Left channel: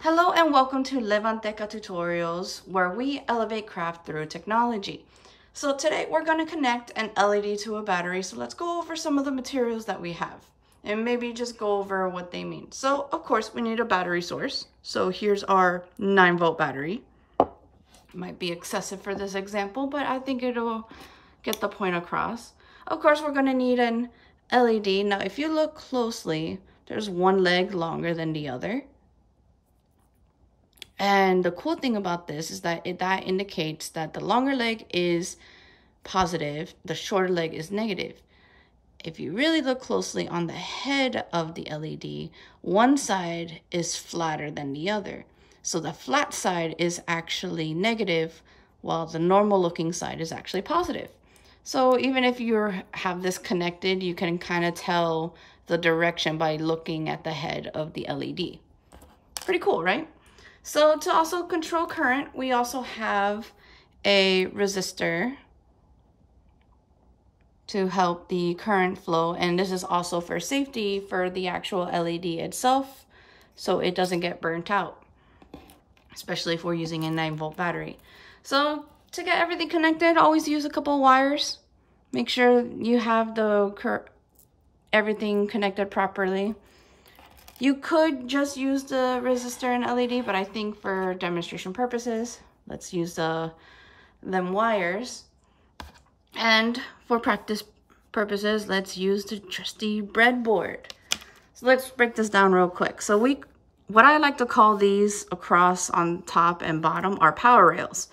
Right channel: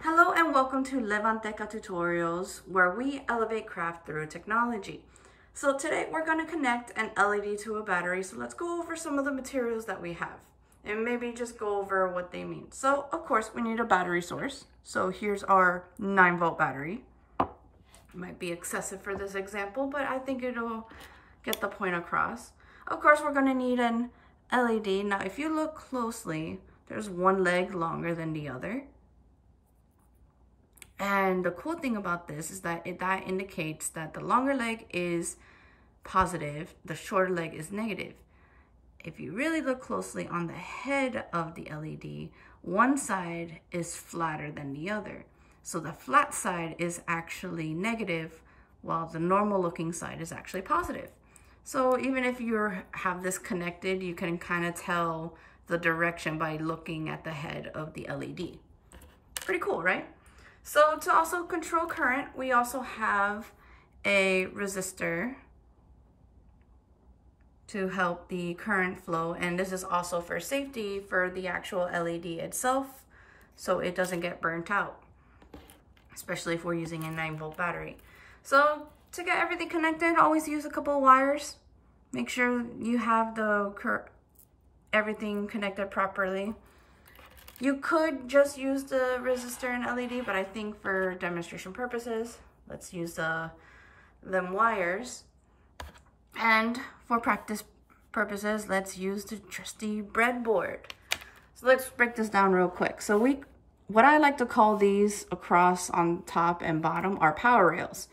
Hello and welcome to Levan-Techa tutorials, where we elevate craft through technology. So today we're going to connect an LED to a battery. So let's go over some of the materials that we have and maybe just go over what they mean. So of course we need a battery source. So here's our 9-volt battery. It might be excessive for this example, but I think it'll get the point across. Of course we're going to need an LED. Now if you look closely, there's one leg longer than the other. And the cool thing about this is that that indicates that the longer leg is positive, the shorter leg is negative. If you really look closely on the head of the LED, one side is flatter than the other. So the flat side is actually negative, while the normal looking side is actually positive. So even if you have this connected, you can kind of tell the direction by looking at the head of the LED. Pretty cool, right? So to also control current, we also have a resistor to help the current flow. And this is also for safety for the actual LED itself, so it doesn't get burnt out, especially if we're using a 9-volt battery. So to get everything connected, always use a couple wires. Make sure you have everything connected properly. You could just use the resistor and LED, but I think for demonstration purposes, let's use them wires. And for practice purposes, let's use the trusty breadboard. So let's break this down real quick. So what I like to call these across on top and bottom are power rails.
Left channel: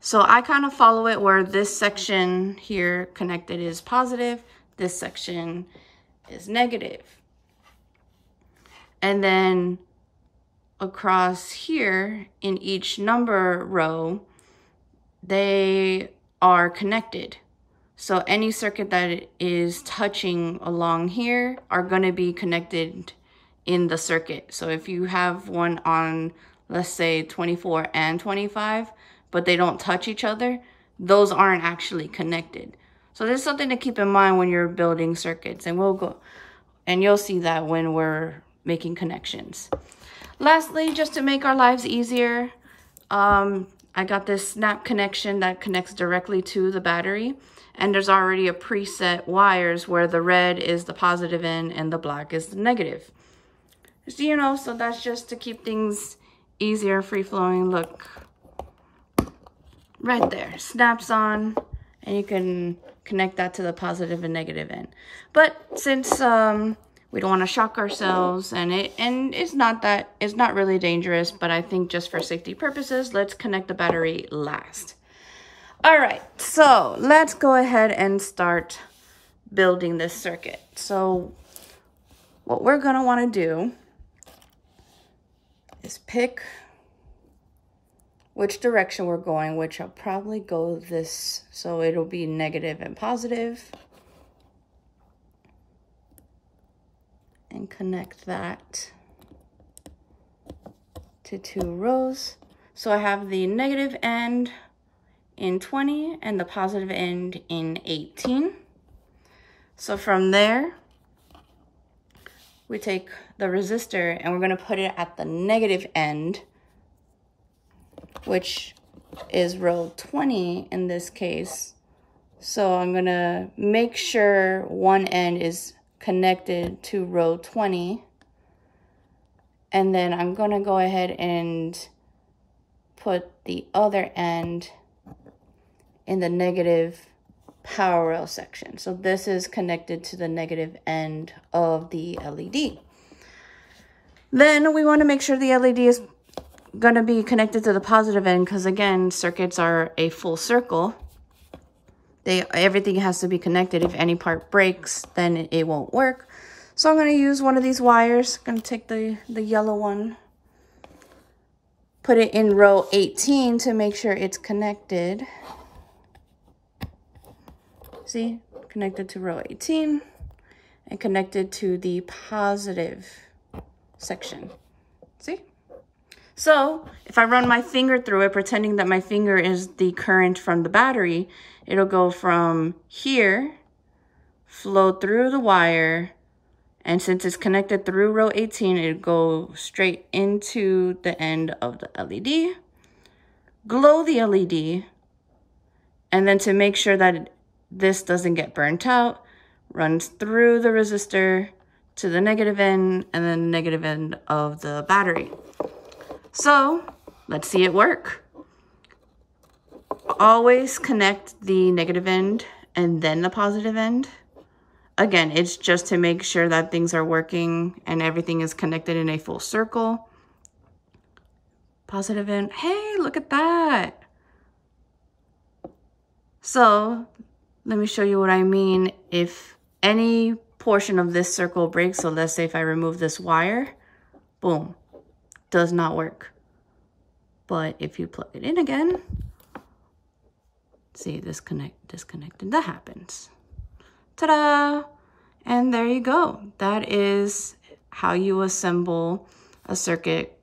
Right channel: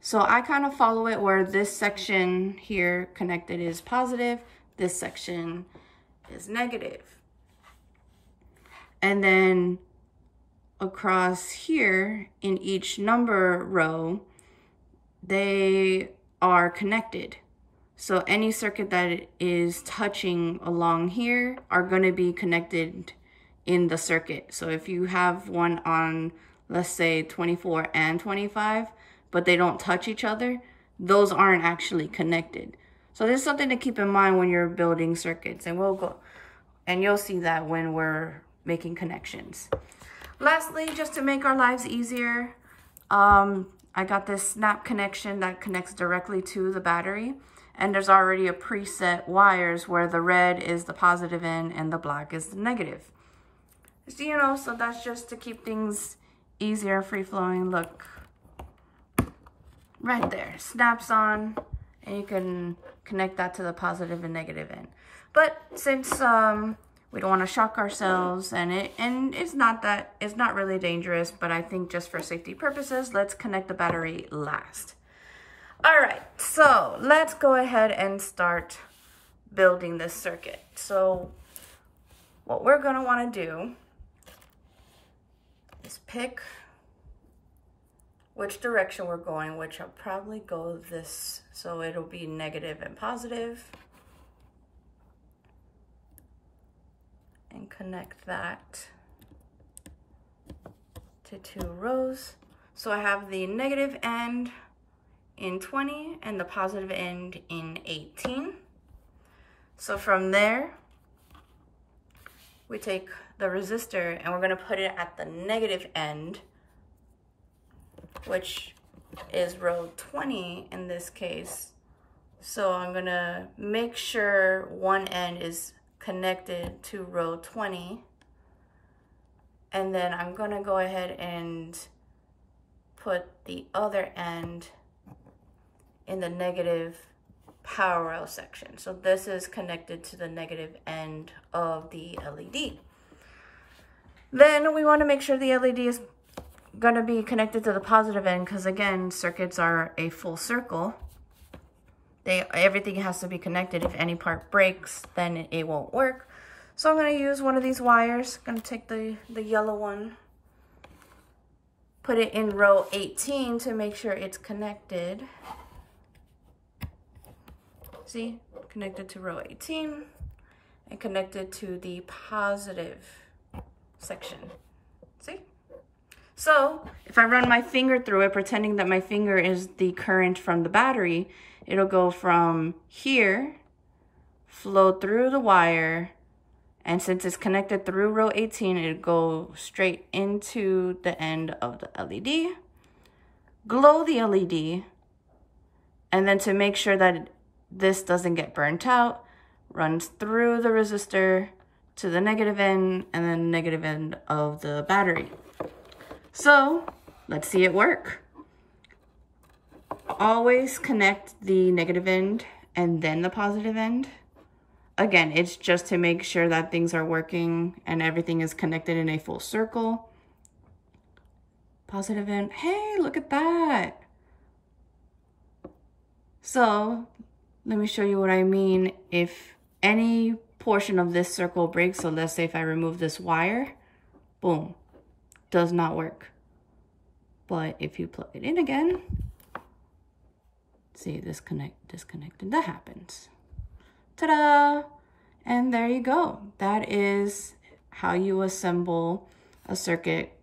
So I kind of follow it where this section here connected is positive, this section is negative. And then across here in each number row, they are connected. So any circuit that is touching along here are going to be connected in the circuit. So if you have one on, let's say 24 and 25, but they don't touch each other, those aren't actually connected. So this is something to keep in mind when you're building circuits, and you'll see that when we're making connections. Lastly, just to make our lives easier, I got this snap connection that connects directly to the battery, and there's already a preset wires where the red is the positive end and the black is the negative. So, so that's just to keep things easier, free-flowing. Look, right there, snaps on, and you can connect that to the positive and negative end. But since we don't want to shock ourselves, and it's not really dangerous, but I think just for safety purposes, let's connect the battery last. All right, so let's go ahead and start building this circuit. So what we're gonna want to do is pick which direction we're going, which I'll probably go this, so it'll be negative and positive. And connect that to 2 rows. So I have the negative end in 20 and the positive end in 18. So from there, we take the resistor and we're gonna put it at the negative end, which is row 20 in this case. So I'm gonna make sure one end is connected to row 20, and then I'm gonna go ahead and put the other end in the negative power rail section. So this is connected to the negative end of the LED. Then we want to make sure the LED is gonna be connected to the positive end, because again, circuits are a full circle. Everything has to be connected. If any part breaks, then it won't work. So I'm going to use one of these wires. I'm going to take the yellow one, put it in row 18 to make sure it's connected. See, connected to row 18 and connected to the positive section. See? So if I run my finger through it, pretending that my finger is the current from the battery, it'll go from here, flow through the wire, And since it's connected through row 18, it goes straight into the end of the LED. Glow the LED. And then to make sure that this doesn't get burnt out, runs through the resistor to the negative end and then the negative end of the battery. So let's see it work. Always connect the negative end and then the positive end. Again, it's just to make sure that things are working and everything is connected in a full circle. Positive end. Hey, look at that. So let me show you what I mean. If any portion of this circle breaks, so let's say if I remove this wire, boom, does not work. But if you plug it in again, see, disconnected, that happens. Ta-da! And there you go. That is how you assemble a circuit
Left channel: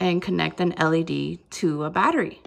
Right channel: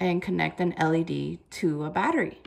and connect an LED to a battery.